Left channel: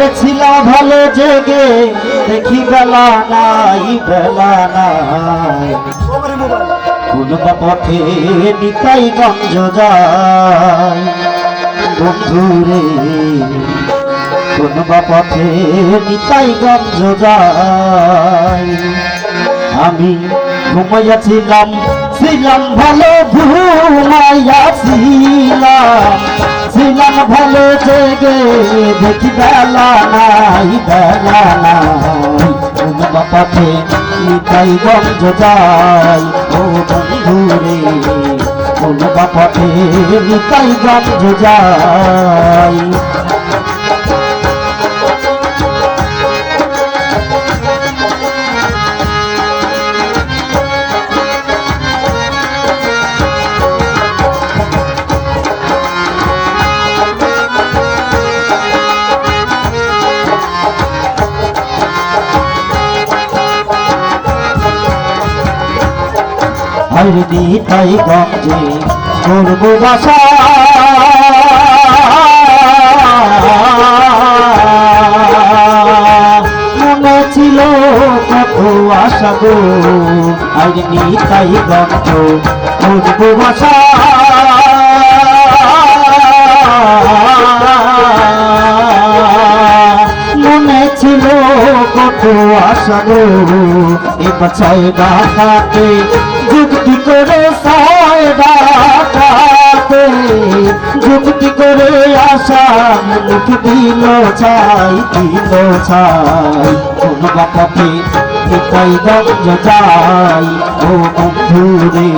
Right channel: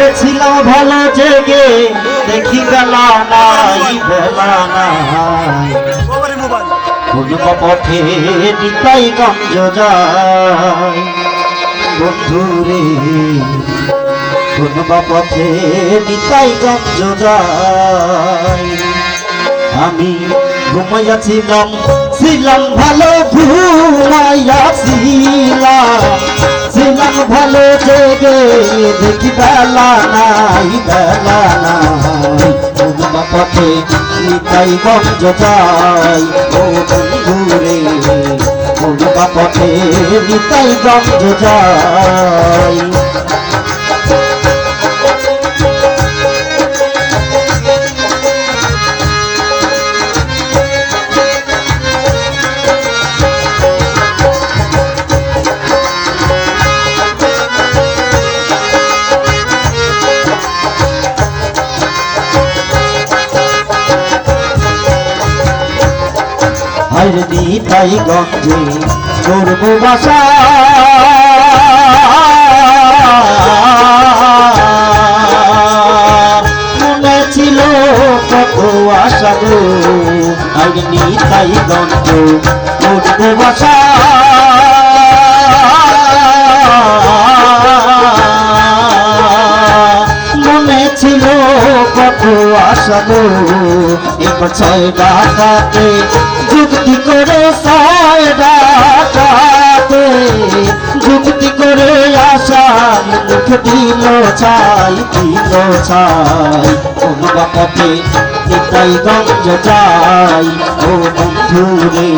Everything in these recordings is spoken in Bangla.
আরে ছিলাম ভালো জেগে দেখি বেলা নাই বেলা নাই কোন পথে নিতাই গঞ্জ যায় বন্ধু রে কোন পথে নিতাই গঞ্জ যায় আমি ঘুমাইয়াছিলাম ছিলাম ভালো ঘুমাইয়াছিলাম ছিলাম ভালো জেগে দেখি বেলা নাই বেলা নাই কোন পথে নিতাই গঞ্জ যায় ও বন্ধু রে কোন পথে নিতাই গঞ্জ যায় আরে নিতাই গঞ্জে করব বাসা মনে ছিল কত আশা গো আরে নিতাই গঞ্জে করব বাসা মনে ছিল কত আশা গো এবার ছয় ডাকাতে যুক্তি করে ছয় ডাকাতে যুক্তি করে আশার মুখ দিল ছাই কোন বাপাতে নিতাই গঞ্জ যাই ও বন্ধু রে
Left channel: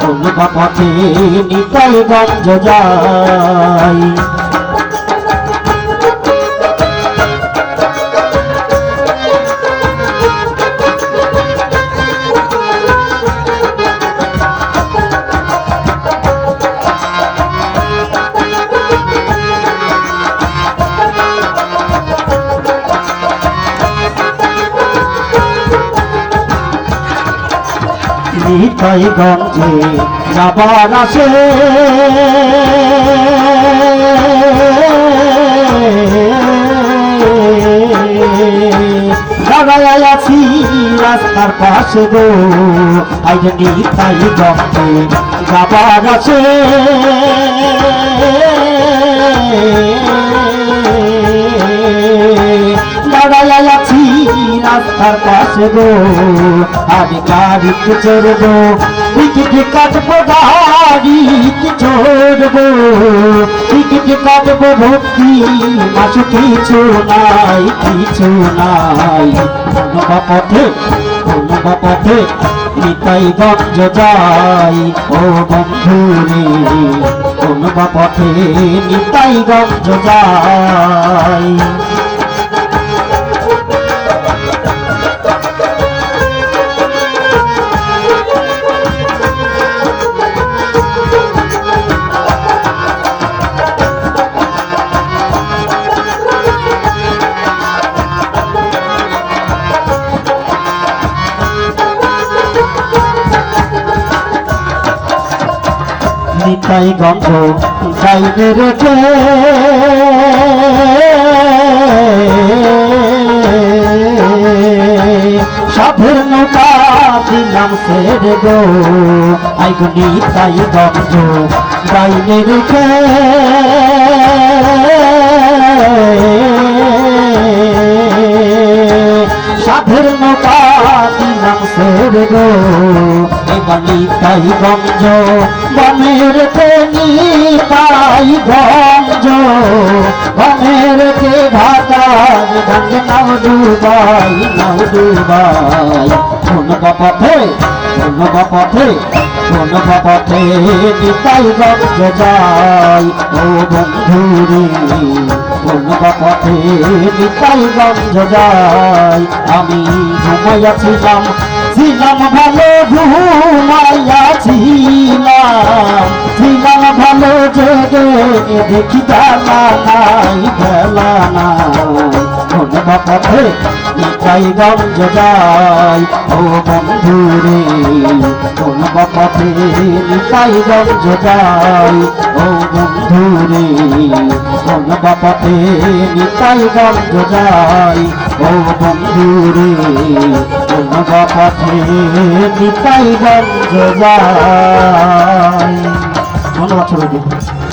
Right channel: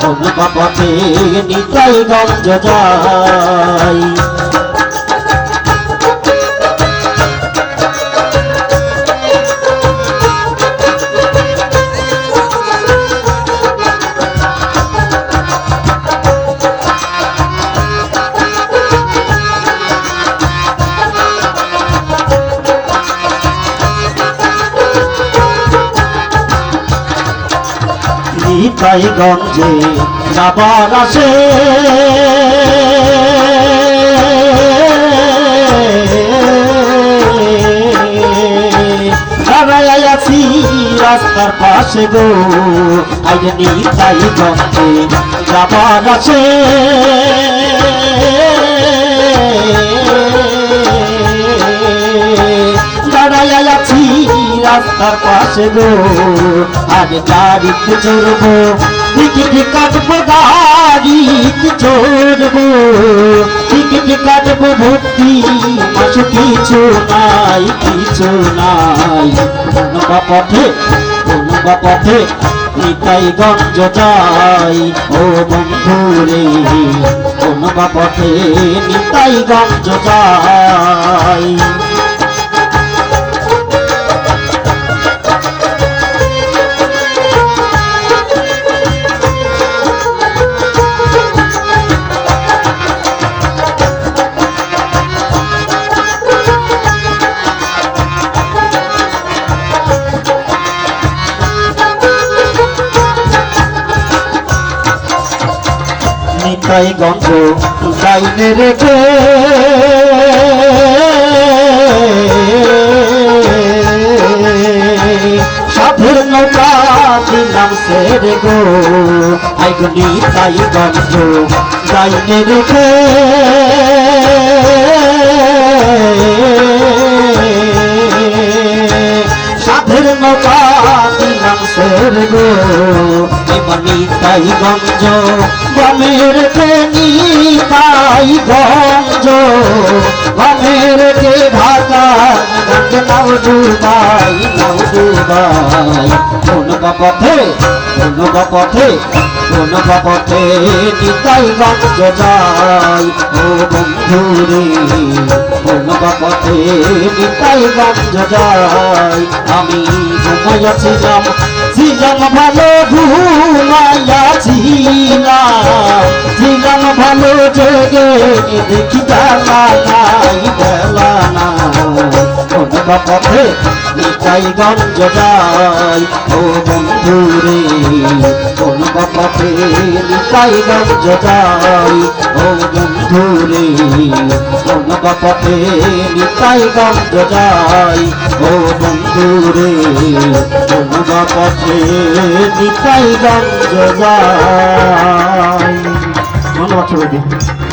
কোন বাপাতে নিতাই গঞ্জ যাই নিতাই গঞ্জে যাবার আসে দাঁড়ায় আছি রাস্তার পাশে গো আইরে নিতাই গঞ্জে যাবার আসে দাঁড়ায় আছি রাস্তার পাশে গো আজ গাড়িতে চড়বো টিকিট কাটবো গাড়িতে চড়বো টিকিট কাটবো ভক্তি মাস কিছু নাই কোন পথে নিতাই গঞ্জ যাই ও বন্ধু রে কোন পথে নিতাই গঞ্জ যাই নিতাই গঞ্জ বাইরে রেখে সাধের নৌকা দিলাম সেরে গো আই গো নিতাই গঞ্জ বাইরে রেখে সাধের নৌকা দিলাম সেরে গো এবার নিতাই গঞ্জ গমের কে নিতাই গঞ্জ গমের কে ঢাকা গঞ্জ নাও ডুবাই কোন পথে নিতাই গঞ্জ যাই ও বন্ধু রে কোন পথে নিতাই গঞ্জ যাই আমি ঘুমাইয়াছিলাম ছিলাম ভালো ঘুমাইয়াছিলাম ভালো জেগে দেখি বেলা নাই কোন পথে নিতাই গঞ্জ যাই ও বন্ধু রে কোন পথে নিতাই গঞ্জ যাই ও বন্ধু বন্ধুরে কোনবা পথে নিতাই গঞ্জ যাই ও বন্ধুরে কোনবা পথে নিতাই গঞ্জ যাই। ধন্যবাদ সবাইকে।